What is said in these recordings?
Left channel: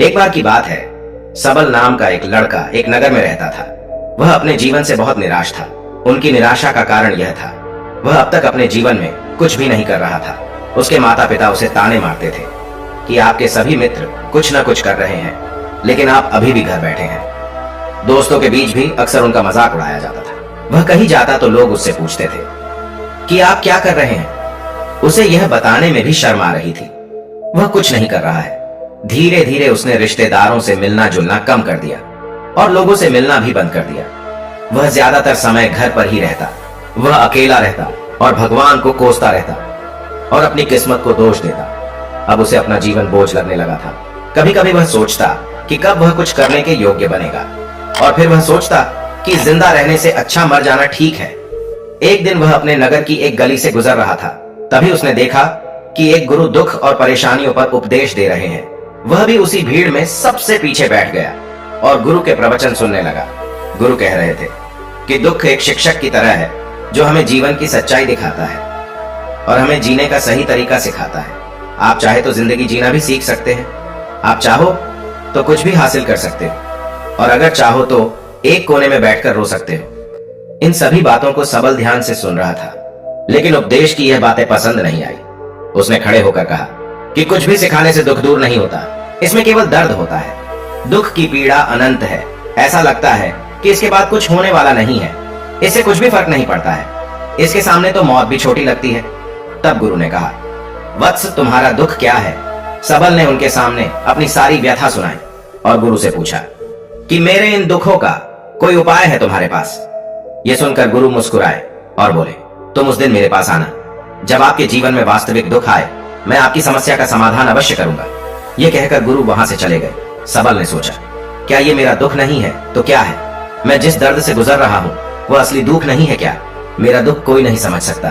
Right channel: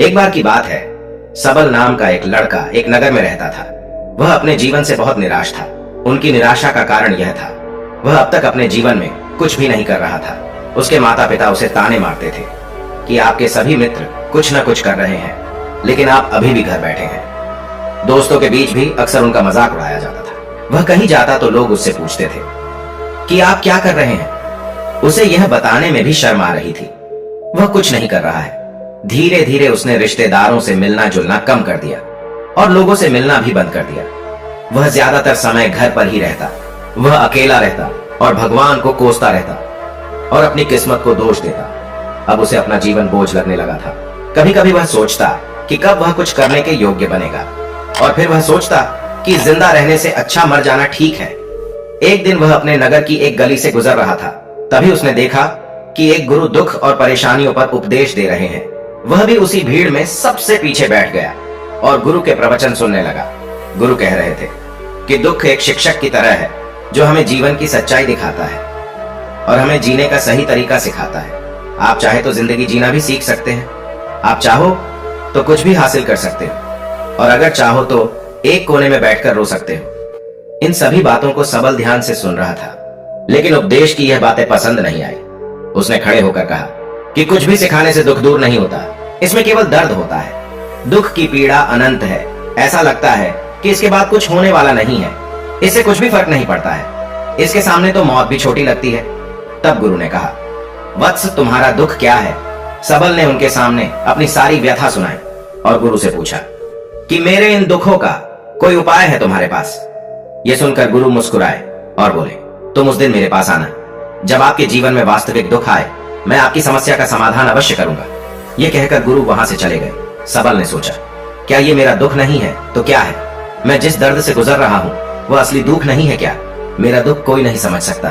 एक बार की बात है, सबल नाम का एक लड़का एक नगर में रहता था। वह अपने जीवन से बहुत निराश था। उनकी निराशा का कारण यह था, वह अब तक अपने जीवन में कुछ भी नहीं कर रहा था। उसके माता पिता उसे ताने मारते थे कि आपके सभी मित्र कुछ न कुछ कर रहे हैं, लेकिन आप अभी भी घर बैठे हैं। दोस्तों के बीच भी अक्सर उनका मजाक उड़ाया जाता था। वह कहीं जाता तो लोग उससे पूछते थे कि आप क्या कर रहे हैं। उसे यह बताने में भी शर्म आ रही थी। वह कुछ नहीं कर रहा है। धीरे धीरे उसने रिश्तेदारों से मिलना जुलना कम कर दिया और लोगों से मिलना भी बंद कर दिया। वह ज्यादातर समय घर पर ही रहता। वह अकेला रहता और भगवान को कोसता रहता और अपनी किस्मत को दोष देता। अब उसे अपना जीवन बोझ लगने लगा था। कभी कभी वह सोचता कि कब वह कुछ करने के योग्य बनेगा, और फिर वह सोचता कि जिंदा रहने से अच्छा मर जाना ठीक है। एक दिन वह अपने नगर की एक गली से गुजर रहा था। तभी उसने देखा कि एक गुरु दुख और परेशानियों पर उपदेश दे रहे हैं। वह भी उसी भीड़ में सबसे पीछे बैठ गया और गुरु के प्रवचन सुनने लगा। गुरु कह रहे थे कि दुख एक शिक्षक की तरह है जो हमें जीवन की सच्चाई दिखाता है और हमें जीने का सही तरीका सिखाता है। आप चाहे तो जिंदगी जीना भी सीख सकते हैं। आप चाहो तो कुछ भी हासिल कर सकते हो, और अगर चाहो तो एक कोने में बैठकर रो सकते हो। इन सभी बातों को सबल ध्यान से सुन रहा था, लेकिन उपदेश की यह बातें पसंद नहीं आई। उसने खड़े होकर कहा कि कुछ भी सिखाने से दुख दूर नहीं होता, इसमें केवल दर्द होता है। दुख की पीड़ा अनंत है। ऐसा लगता है कि इसके बाद कुछ होने वाला नहीं है, इससे कुछ भी फर्क नहीं पड़ता है, इसके सामने तो मौत भी छोटी लगती है। तब गुरु ने कहा, वत्स तुम्हारा दुख क्या है? सबल ने उनके सामने अपनी सारी व्यथा सुनाई और गुरु से पूछा कि मेरे इन दुखों का कोई उपाय है तुम्हारे पास? यह सुनकर गुरु मुस्कुराए और बोले, तुम उस दिन मेरे पास आना जब आपके जीवन में वास्तविक दुख आए। मैं आपकी समस्या का समाधान अवश्य करूंगा। यह कहकर गुरु वहां से चले गए। सबल ने सोचा, क्या यह मेरा दुख नहीं है तो क्या है? मैं जिस दर्द से गुजर रहा हूं वह असली दुख नहीं है क्या? मेरा दुख कोई नहीं समझ सकता।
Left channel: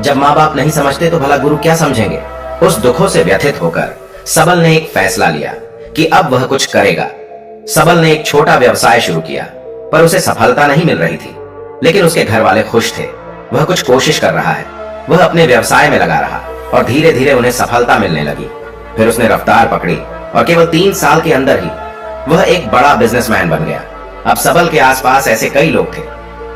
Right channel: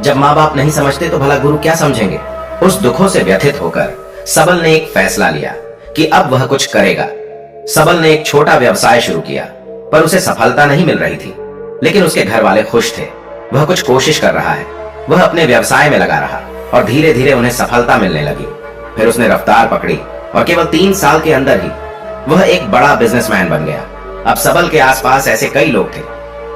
जब माँ बाप नहीं समझते तो भला गुरु क्या समझेंगे? उस दुखों से व्यथित होकर सबल ने एक फैसला लिया कि अब वह कुछ करेगा। सबल ने एक छोटा व्यवसाय शुरू किया, पर उसे सफलता नहीं मिल रही थी, लेकिन उसके घर वाले खुश थे। वह कुछ कोशिश कर रहा है। वह अपने व्यवसाय में लगा रहा और धीरे धीरे उन्हें सफलता मिलने लगी। फिर उसने रफ्तार पकड़ी और केवल 3 साल के अंदर ही वह एक बड़ा बिजनेसमैन बन गया। अब सबल के आसपास ऐसे कई लोग थे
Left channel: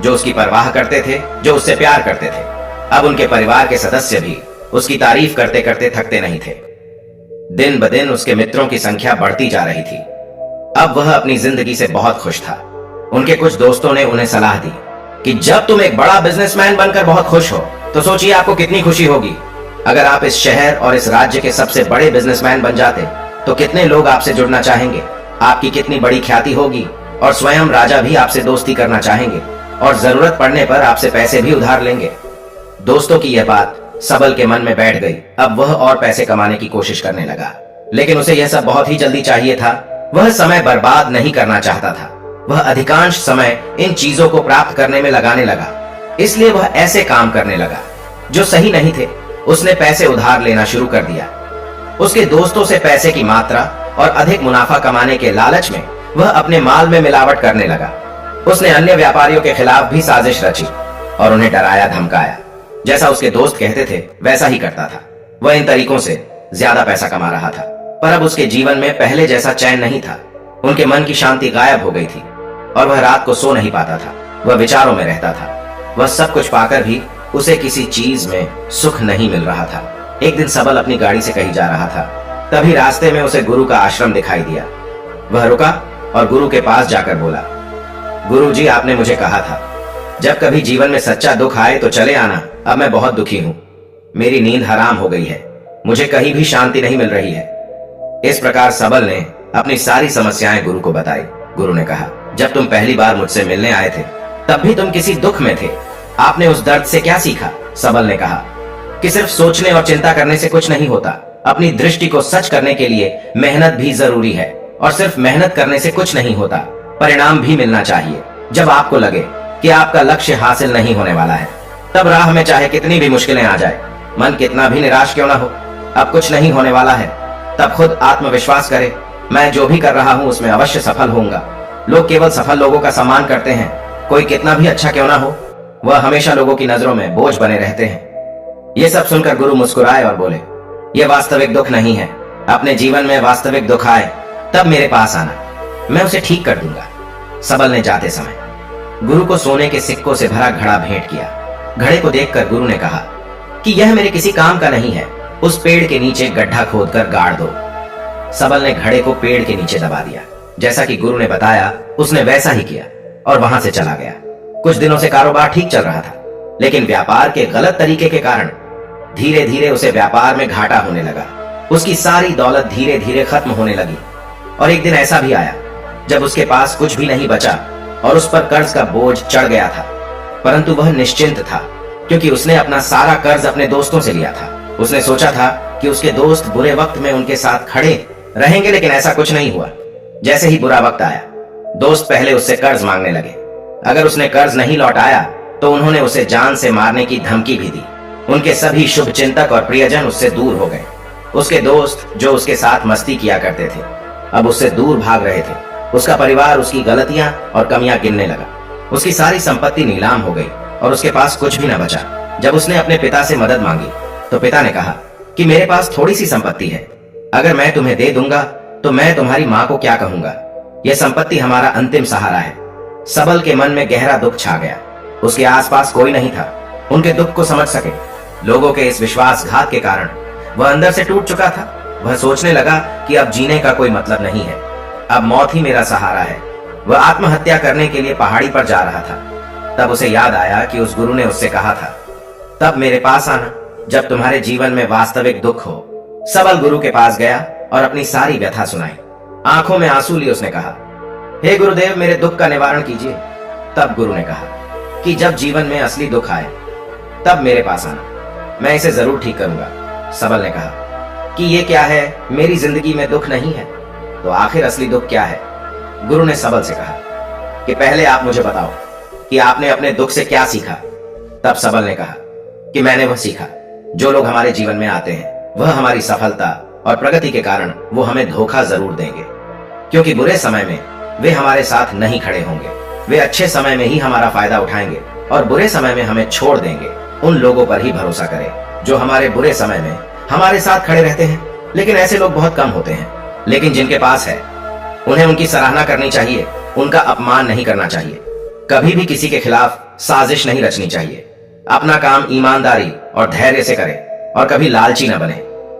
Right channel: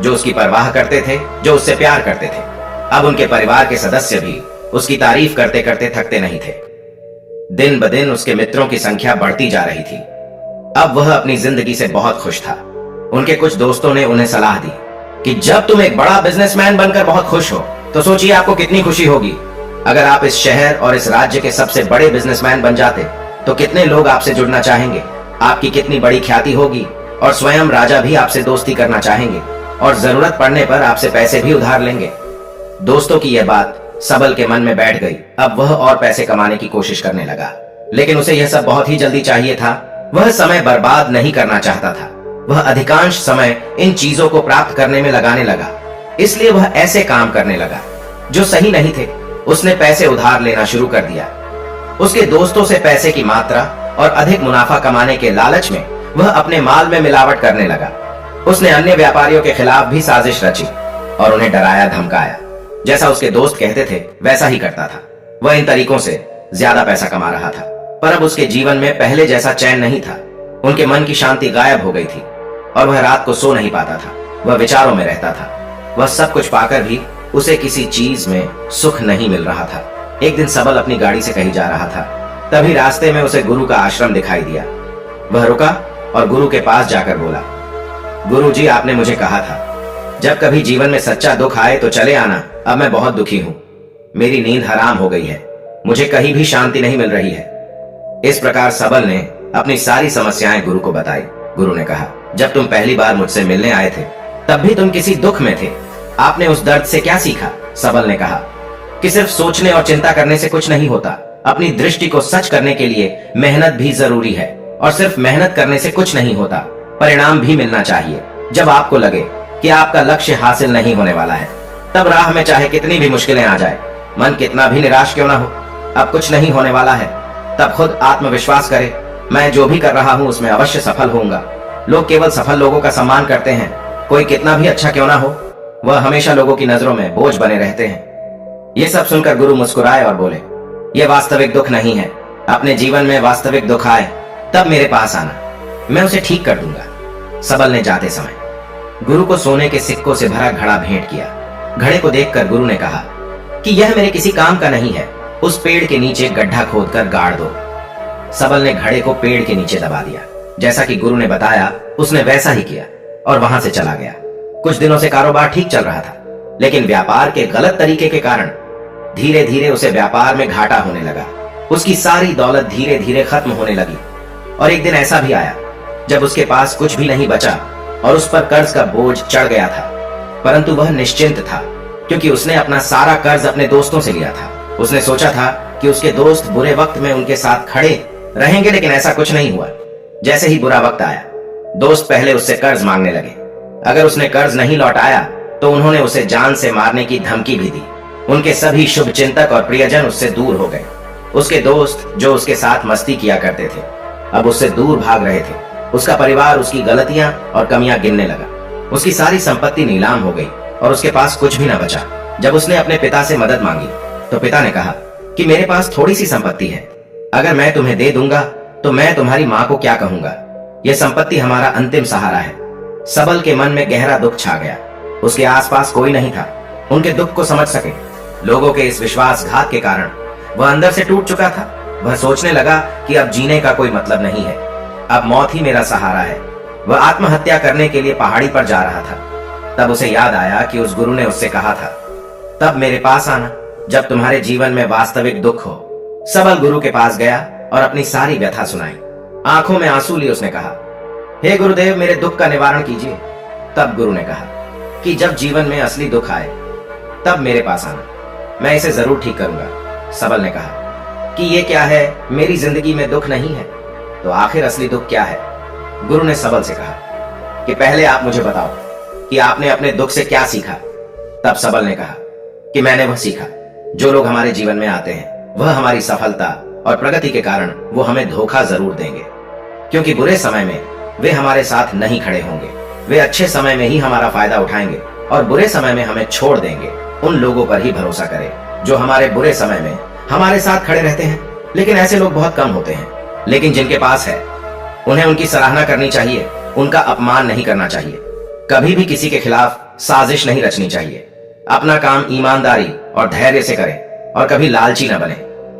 जो उसकी परवाह करते थे, जो उससे प्यार करते थे। अब उनके परिवार के सदस्य भी उसकी तारीफ करते करते थकते नहीं थे। दिन ब दिन उसके मित्रों की संख्या बढ़ती जा रही थी। अब वह अपनी जिंदगी से बहुत खुश था। उनके कुछ दोस्तों ने उन्हें सलाह दी कि जब तुम एक बड़ा बिजनेसमैन बनकर बहुत खुश हो तो सोचिए आपको कितनी खुशी होगी अगर आप इस शहर और इस राज्य के सबसे बड़े बिजनेसमैन बन जाते तो कितने लोग आपसे जुड़ना चाहेंगे, आपकी कितनी बड़ी ख्याति होगी और स्वयं राजा भी आपसे दोस्ती करना चाहेंगे और जरूरत पड़ने पर आपसे पैसे भी उधार लेंगे। दोस्तों की यह बात सबल के मन में बैठ गई। अब वह और पैसे कमाने की कोशिश करने लगा, लेकिन उसे यह सब बहुत ही जल्दी चाहिए था। वह समय बर्बाद नहीं करना चाहता था। वह अधिकांश समय इन चीजों को प्राप्त करने में लगाने लगा, इसलिए वह ऐसे काम करने लगा जो सही नहीं थे। उसने पैसे उधार लेना शुरू कर दिया। उसके दोस्तों से पैसे की मात्रा और अधिक मुनाफा कमाने के लालच में वह अपने माल में मिलावट करने लगा। उसने अन्य व्यापारियों के खिलाफ भी साजिश रची और उन्हें डराया धमकाया। जैसा उसके दोस्त कहते थे वैसा ही करता था। वह इन तरीकों से ज्यादा पैसा कमा रहा था, पर अब उसके जीवन में पहले जैसा चैन नहीं था। उनके मन की शांति गायब हो गई थी और वह रात को सो नहीं पाता था। वह विचारों में रहता था। वह सब कुछ पाकर भी उसे किसी चीज में सुख नहीं मिल रहा था। एक दिन सबल अपनी गाड़ी से कहीं जा रहा था। तभी रास्ते में उसे गुरु का आश्रम दिखाई दिया। वह रुका और गुरु के पास जाकर बोला, गुरु जी, आपने मुझे कहा था जब कभी जीवन में सच्चा दुख आए तो चले आना। अब मैं बहुत दुखी हूं। मेरी नींद हराम हो गई है। मुझे कहीं भी शांति नहीं मिल रही है। इस प्रकार सबल ने अपनी सारी समस्याएं गुरु को बताई। गुरु ने कहा, जब तुम पहली बार मुझसे मिलने आए थे तब भी तुम किसी दुख में थे। आपने उस दर्द से क्या सीखा? सबल ने कहा कि सिर्फ सोचने और चिंता करने से कुछ नहीं होता। अपनी दृष्टि को सच करने के लिए मेहनत भी जरूरी है, और सिर्फ मेहनत करने से कुछ नहीं होता, परिणाम भी मिलना चाहिए। जब आपको लगे कि आपका लक्ष्य हासिल नहीं होने वाला है, तब राह में चाहे कितनी भी मुश्किलें आ जाए, मन कितना भी निराश क्यों ना हो, अब कुछ नहीं होने वाला है, तब खुद आत्मविश्वास करे, मैं जो भी कर रहा हूं उसमें अवश्य सफल होऊंगा। लोग केवल सफल लोगों का सम्मान करते हैं। कोई कितना भी अच्छा क्यों ना हो, वह हमेशा लोगों की नजरों में बोझ बने रहते हैं। यह सब सुनकर गुरु मुस्कुराए और बोले, यह वास्तविक दुख नहीं है। अपने जीवन में वास्तविक दुख आए तब मेरे पास आना, मैं उसे ठीक कर दूंगा। सबल ने जाते समय गुरु को सोने के सिक्कों से भरा घड़ा भेंट किया। घड़े को देखकर गुरु ने कहा कि यह मेरे किसी काम का नहीं है, उस पेड़ के नीचे गड्ढा खोदकर गाड़ दो। सबल ने घड़े को पेड़ के नीचे दबा दिया। जैसा कि गुरु ने बताया उसने वैसा ही किया और वहां से चला गया। कुछ दिनों से कारोबार ठीक चल रहा था, लेकिन व्यापार के गलत तरीके के कारण धीरे धीरे उसे व्यापार में घाटा होने लगा। उसकी सारी दौलत धीरे धीरे खत्म होने लगी और एक दिन ऐसा भी आया जब उसके पास कुछ भी नहीं बचा और उस पर कर्ज का बोझ चढ़ गया था। परंतु वह निश्चिंत था, क्योंकि उसने अपना सारा कर्ज अपने दोस्तों से लिया था। उसने सोचा था कि उसके दोस्त बुरे वक्त में उनके साथ खड़े रहेंगे, लेकिन ऐसा कुछ नहीं हुआ। जैसे ही बुरा वक्त आया, दोस्त पहले उससे कर्ज मांगने लगे। अगर उसने कर्ज नहीं लौटाया तो उन्होंने उसे जान से मारने की धमकी भी दी। उनके सभी शुभ चिंतक और प्रियजन उससे दूर हो गए। उसके दोस्त जो उसके साथ मस्ती किया करते थे, अब उससे दूर भाग रहे थे। उसका परिवार उसकी गलतियां और कमियां गिनने लगा। उसकी सारी संपत्ति नीलाम हो गई और उसके पास कुछ भी न बचा। जब उसने अपने पिता से मदद मांगी तो पिता ने कहा कि मेरे पास थोड़ी सी संपत्ति है, अगर मैं तुम्हें दे दूंगा तो मैं तुम्हारी मां को क्या कहूंगा। यह संपत्ति हमारा अंतिम सहारा है। सबल के मन में गहरा दुख छा गया। उसके आसपास कोई नहीं था उनके दुख को समझ सके। लोगों के इस विश्वासघात के कारण वह अंदर से टूट चुका था। वह सोचने लगा कि अब जीने का कोई मतलब नहीं है, अब मौत ही मेरा सहारा है। वह आत्महत्या करने के लिए पहाड़ी पर जा रहा था। तब उसे याद आया कि उस गुरु ने उससे कहा था, तब मेरे पास आना जब तुम्हारे जीवन में वास्तविक दुख हो। सबल गुरु के पास गया और अपनी सारी व्यथा सुनाई। आंखों में आंसू लिए उसने कहा, हे गुरुदेव, मेरे दुख का निवारण कीजिए। तब गुरु ने कहा कि जब जीवन में असली दुख आए तब मेरे पास आना, मैं इसे जरूर ठीक करूंगा। सबल ने कहा कि ये क्या है, मेरी जिंदगी में दुख नहीं है तो आखिर असली दुख क्या है। गुरु ने सबल से कहा कि पहले आप मुझे बताओ कि आपने अपने दुख से क्या सीखा। तब सबल ने कहा कि मैंने वह सीखा, जो लोग हमारे जीवन में आते हैं वह हमारी सफलता और प्रगति के कारण वो हमें धोखा जरूर देंगे, क्योंकि बुरे समय में वे हमारे साथ नहीं खड़े होंगे। वे अच्छे समय में ही हमारा फायदा उठाएंगे और बुरे समय में हमें छोड़ देंगे। उन लोगों पर ही भरोसा करें जो हमारे बुरे समय में हमारे साथ खड़े रहते हैं। लेकिन ऐसे लोग बहुत कम होते हैं, लेकिन जिनके पास है उन्हें उनकी सराहना करनी चाहिए, उनका अपमान नहीं करना चाहिए। कभी भी किसी के खिलाफ साजिश नहीं रचनी चाहिए। अपना काम ईमानदारी और धैर्य से करें और कभी लालची न बने।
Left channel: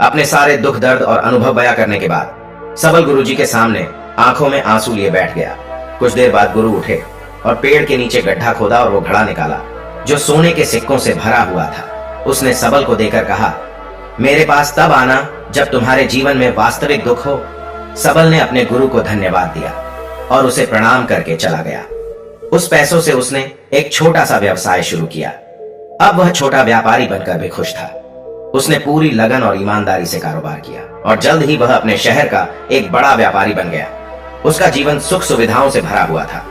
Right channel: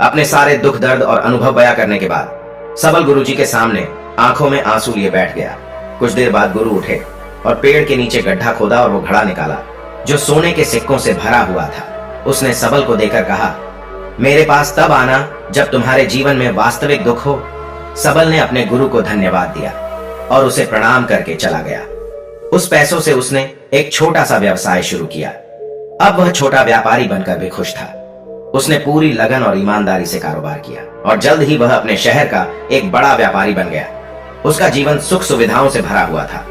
अपने सारे दुख दर्द और अनुभव बयां करने के बाद सबल गुरुजी के सामने आंखों में आंसू लिए बैठ गया। कुछ देर बाद गुरु उठे और पेड़ के नीचे गड्ढा खोदा और वो घड़ा निकाला जो सोने के सिक्कों से भरा हुआ था। उसने सबल को देकर कहा, मेरे पास तब आना जब तुम्हारे जीवन में वास्तविक दुख हो। सबल ने अपने गुरु को धन्यवाद दिया और उसे प्रणाम करके चला गया। उस पैसों से उसने एक छोटा सा व्यवसाय शुरू किया। अब वह छोटा व्यापारी बनकर भी खुश था। उसने पूरी लगन और ईमानदारी से कारोबार किया और जल्द ही वह अपने शहर का एक बड़ा व्यापारी बन गया। उसका जीवन सुख सुविधाओं से भरा हुआ था।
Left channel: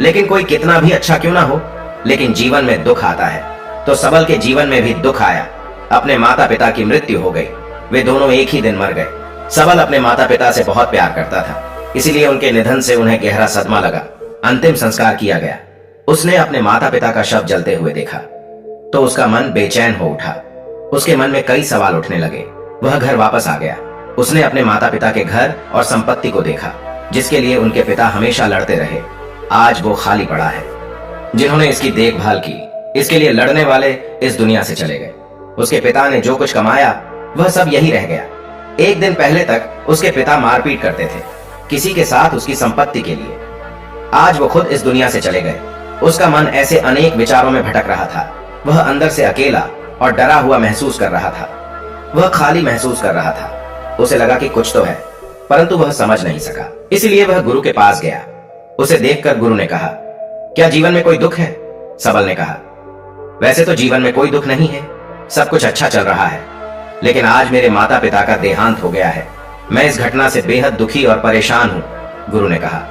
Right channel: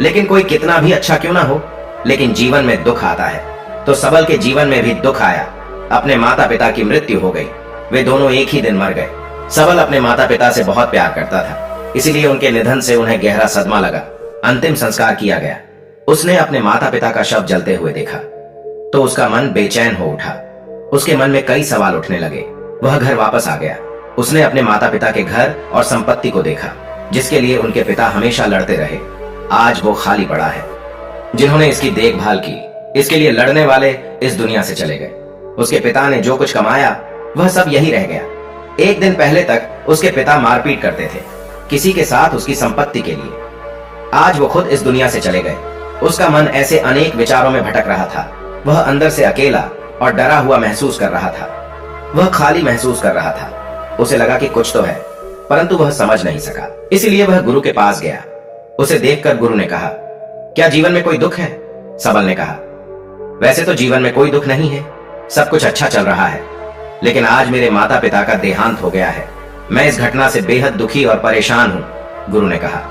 लेकिन कोई कितना भी अच्छा क्यों ना हो, लेकिन जीवन में दुख आता है। तो सबल के जीवन में भी दुख आया। अपने माता पिता की मृत्यु हो गई। वे दोनों एक ही दिन मर गए। सबल अपने माता पिता से बहुत प्यार करता था, इसलिए उनके निधन से उन्हें गहरा सदमा लगा। अंतिम संस्कार किया गया। उसने अपने माता पिता का शव जलते हुए देखा तो उसका मन बेचैन हो उठा। उसके मन में कई सवाल उठने लगे। वह घर वापस आ गया। उसने अपने माता पिता के घर और संपत्ति को देखा, जिसके लिए उनके पिता हमेशा लड़ते रहे। आज वो खाली पड़ा है। जिन्होंने इसकी देखभाल की, इसके लिए लड़ने वाले इस दुनिया से चले गए। उसके पिता ने जो कुछ कमाया वह सब यही रह गया। एक दिन पहले तक उसके पिता मारपीट करते थे किसी के साथ उसकी संपत्ति के लिए। आज वो खुद इस दुनिया से चले गए। उसका मन ऐसे अनेक विचारों में भटक रहा था। वह अंदर से अकेला और डरा हुआ महसूस कर रहा था। वह खाली महसूस कर रहा था। उसे लगा कि कुछ तो है, परंतु वह समझ नहीं सका। इसलिए वह गुरु के पास गया। उसे देखकर गुरु ने कहा, क्या जीवन में कोई दुख है? सबल ने कहा, वैसे तो जीवन में कोई दुख नहीं है, सब कुछ अच्छा चल रहा है, लेकिन आज मेरे माता पिता का देहांत हो गया है। मैं इस घटना से बेहद दुखी और परेशान हूं। गुरु ने कहा,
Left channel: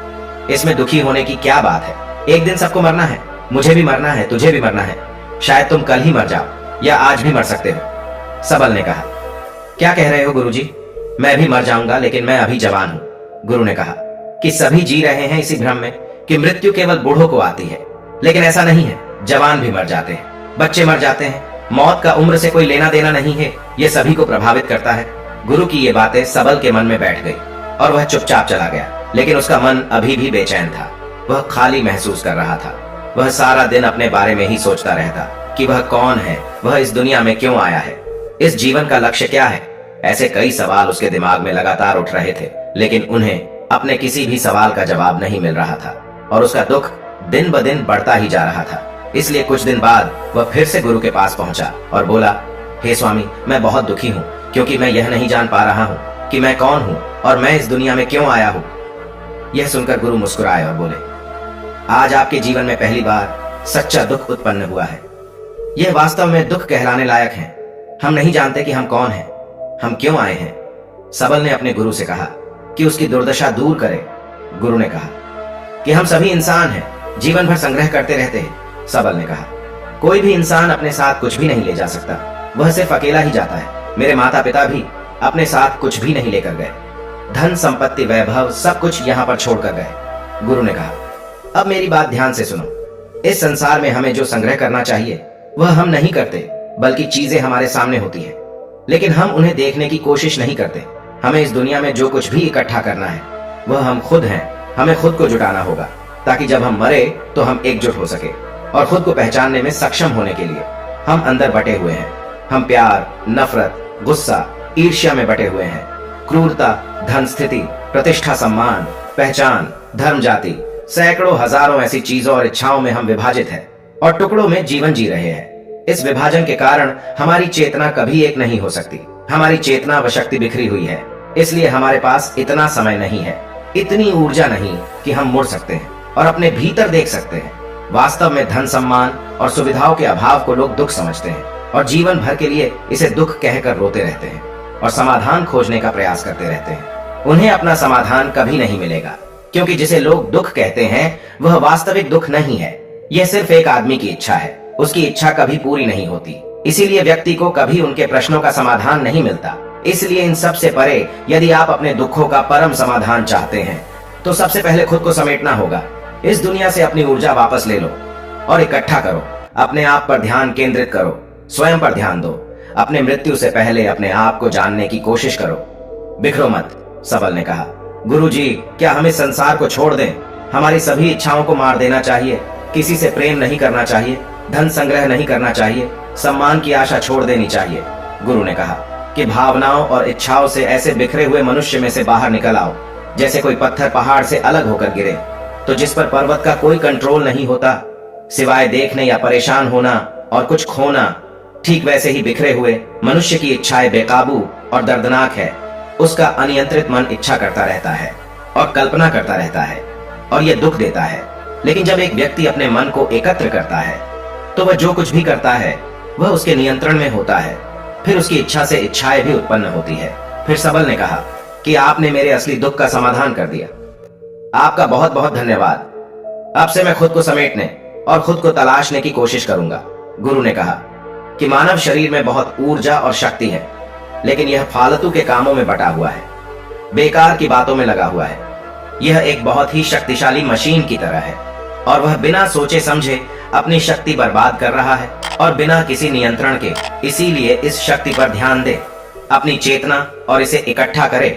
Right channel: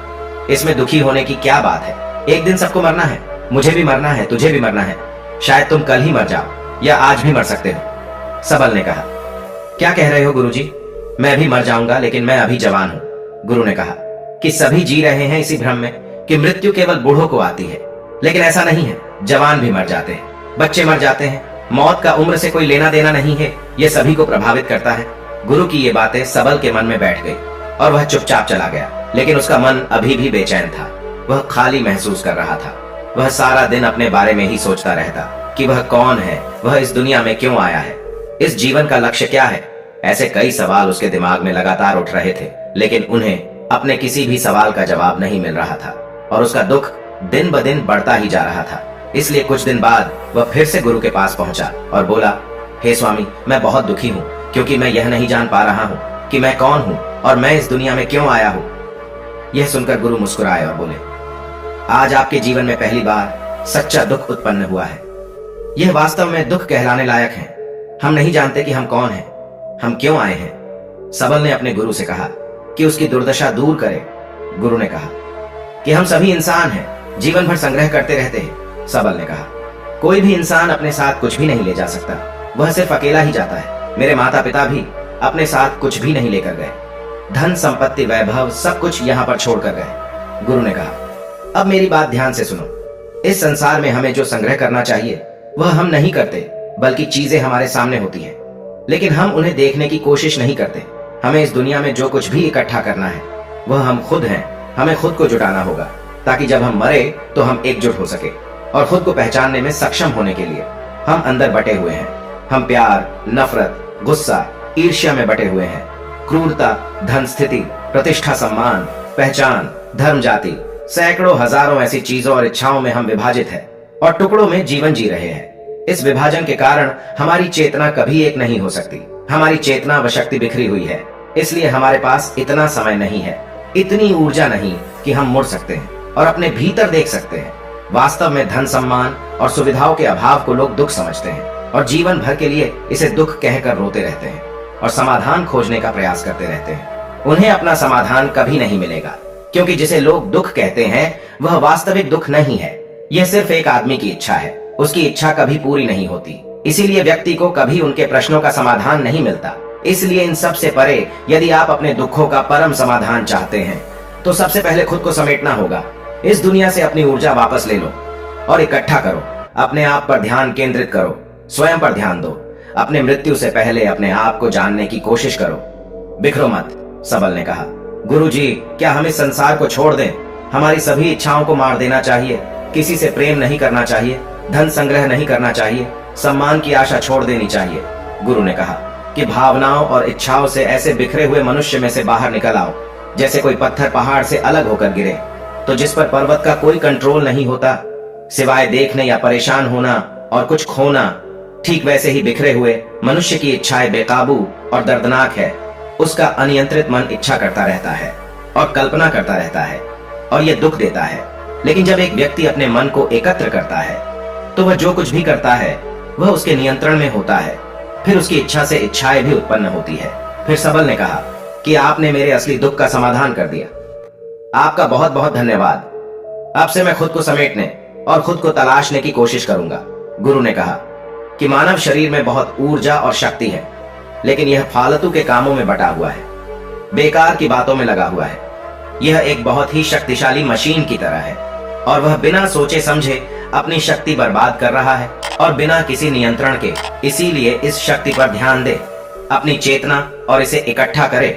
इसमें दुखी होने की क्या बात है? एक दिन सबको मरना है। मुझे भी मरना है, तुझे भी मरना है। शायद तुम कल ही मर जाओ या आज भी मर सकते हो। सबल ने कहा, क्या कह रहे हो गुरुजी? मैं भी मर जाऊंगा, लेकिन मैं अभी जवान हूं। गुरु ने कहा कि सभी जी रहे हैं इसी भ्रम में कि मृत्यु केवल बूढ़ों को आती है, लेकिन ऐसा नहीं है। जवान भी मर जाते हैं, बच्चे मर जाते हैं। मौत का उम्र से कोई लेना देना नहीं है, यह सभी को प्रभावित करता है। गुरु की ये बातें सबल के मन में बैठ गई। और वह चुपचाप चला गया। लेकिन उसका मन अभी भी बेचैन था। वह खाली महसूस कर रहा था। वह सारा दिन अपने बारे में ही सोचता रहता कि वह कौन है, वह इस दुनिया में क्यों आया है, इस जीवन का लक्ष्य क्या है। ऐसे कई सवाल उसके दिमाग में लगातार उठ रहे थे, लेकिन उन्हें अपने किसी भी सवाल का जवाब नहीं मिल रहा था और उसका दुख दिन ब दिन बढ़ता ही जा रहा था। इसलिए कुछ दिन बाद वह फिर से गुरु के पास पहुंचा और बोला, हे स्वामी, मैं बहुत दुखी हूं क्योंकि मैं यह नहीं जान पा रहा हूं कि मैं कौन हूं और मैं इस दुनिया में क्यों आया हूं। यह सुनकर गुरु मुस्कुराए और बोले, आज आपके जीवन में पहली बार सच्चा दुख उत्पन्न हुआ है। यह वास्तव में दुख कहलाने लायक है। हम नहीं जानते कि हम कौन हैं, हम क्यों आए हैं। सबल ने अपने गुरु से कहा कि उसकी दुर्दशा दूर करे। गुरु ने कहा कि हम सभी इंसान हैं, जीवन भर संग्रह करते रहते हैं। सबल ने कहा, कोई भी इंसान अपने साथ कुछ भी नहीं ले जा सकता, वह सिर्फ अकेला ही जाता है। मेरे माता पिता भी अपने साथ कुछ भी नहीं लेकर गए, धन संपत्ति वैभव सब कुछ यहां पर छोड़कर गए। गुरु ने कहा, अब मेरी बात ध्यान से सुनो। इस संसार में हमें जो संग्रह करना चाहिए वह हम नहीं करते, बल्कि चीजें हमारे सामने होती है, लेकिन हम उन्हें देखने की कोशिश नहीं करते। हमें इस दुनिया में जो कुछ भी इकट्ठा करना है वह हम खुद हैं। हमें खुद को जुटाना होगा ताकि जब हम मरे तो हम एकजुट हो सके और खुद को पहचानने में सक्षम होने के लिए हम अंदर बटे हुए हैं। हम प्यार, नफरत, गुस्सा, ईर्ष्या में बटे हुए हैं। क्रूरता, धन, स्थिति, प्रतिष्ठा, सम्मान, पहचान, धर्म, जाति, सैकड़ों हजारों ऐसी चीजों और इच्छाओं में हम विभाजित हैं और टुकड़ों में जीवन जी रहे हैं। इस विभाजन के कारण हमारी चेतना कभी एक नहीं हो सकती। हमारी चेतना व शक्ति बिखरी हुई है, इसलिए हमारे पास इतना समय नहीं है, इतनी ऊर्जा नहीं कि हम मुड़ सकते हैं और अपने भीतर देख सकते हैं। वास्तव में धन, सम्मान और सुविधाओं के अभाव को लोग दुख समझते हैं और जीवन भर के लिए इसे दुख कहकर रोते रहते हैं और समाधान खोजने का प्रयास करते रहते हैं। उन्हें अपना समाधान कभी नहीं मिलेगा, क्योंकि जिसे लोग दुख कहते हैं वह वास्तविक दुख नहीं है। यह सिर्फ एक आदमी की इच्छा है, उसकी इच्छा कभी पूरी नहीं होती। इसीलिए व्यक्ति को कभी उनके प्रश्नों का समाधान नहीं मिलता। इसलिए इन सब से परे यदि आप अपने दुखों का परम समाधान चाहते हैं तो सबसे पहले खुद को समेटना होगा। इस दुनिया से अपनी ऊर्जा वापस ले लो और इकट्ठा करो। अपने आप पर ध्यान केंद्रित करो, स्वयं पर ध्यान दो। अपने मृत्यु से पहले अपने आप को जानने की कोशिश करो। बिखरो मत, सबल ने कहा। गुरुजी, क्या हम इस संसार को छोड़ दें? हमारी सभी इच्छाओं को मार देना चाहिए। किसी से प्रेम नहीं करना चाहिए, धन संग्रह नहीं करना चाहिए, सम्मान की आशा छोड़ देनी चाहिए। गुरु ने कहा कि भावनाओं और इच्छाओं से ऐसे बिखरे हुए मनुष्य में से बाहर निकल आओ, जैसे कोई पत्थर पहाड़ से अलग होकर गिरे तो जिस पर पर्वत का कोई कंट्रोल नहीं होता, सिवाय देखने या परेशान होना और कुछ खोना। ठीक वैसे ही बिखरे हुए मनुष्य की इच्छाएं बेकाबू और दर्दनाक है। उसका अनियंत्रित मन इच्छा करता रहता है और कल्पना करता रहता है और यह दुख देता है। लेकिन जब एक व्यक्ति अपने मन को एकत्र करता है तो वह जो कुछ भी करता है वह उसके नियंत्रण में होता है। फिर उसकी इच्छा से इच्छाएं भी उत्पन्न होती है। फिर सबल ने कहा कि आपने मेरे असली दुख का समाधान कर दिया। आपका बहुत बहुत धन्यवाद। अब से मैं खुद को समेटने और खुद को तलाशने की कोशिश करूंगा। गुरु ने कहा कि मानव शरीर में बहुत ऊर्जा और शक्ति है, लेकिन यह फालतू के कामों में बटा हुआ है, बेकार की बातों में लगा हुआ है। यह एक बहुत ही शक्तिशाली मशीन की तरह है और वह बिना सोचे समझे अपनी शक्ति बर्बाद कर रहा है और बिना किसी नियंत्रण के। इसीलिए इस शक्ति पर ध्यान दे, अपनी चेतना और इसे इकट्ठा करे।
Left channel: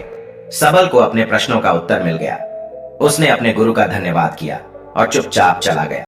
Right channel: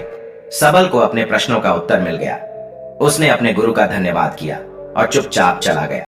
सबल को अपने प्रश्नों का उत्तर मिल गया। उसने अपने गुरु का धन्यवाद किया और चुपचाप चला गया।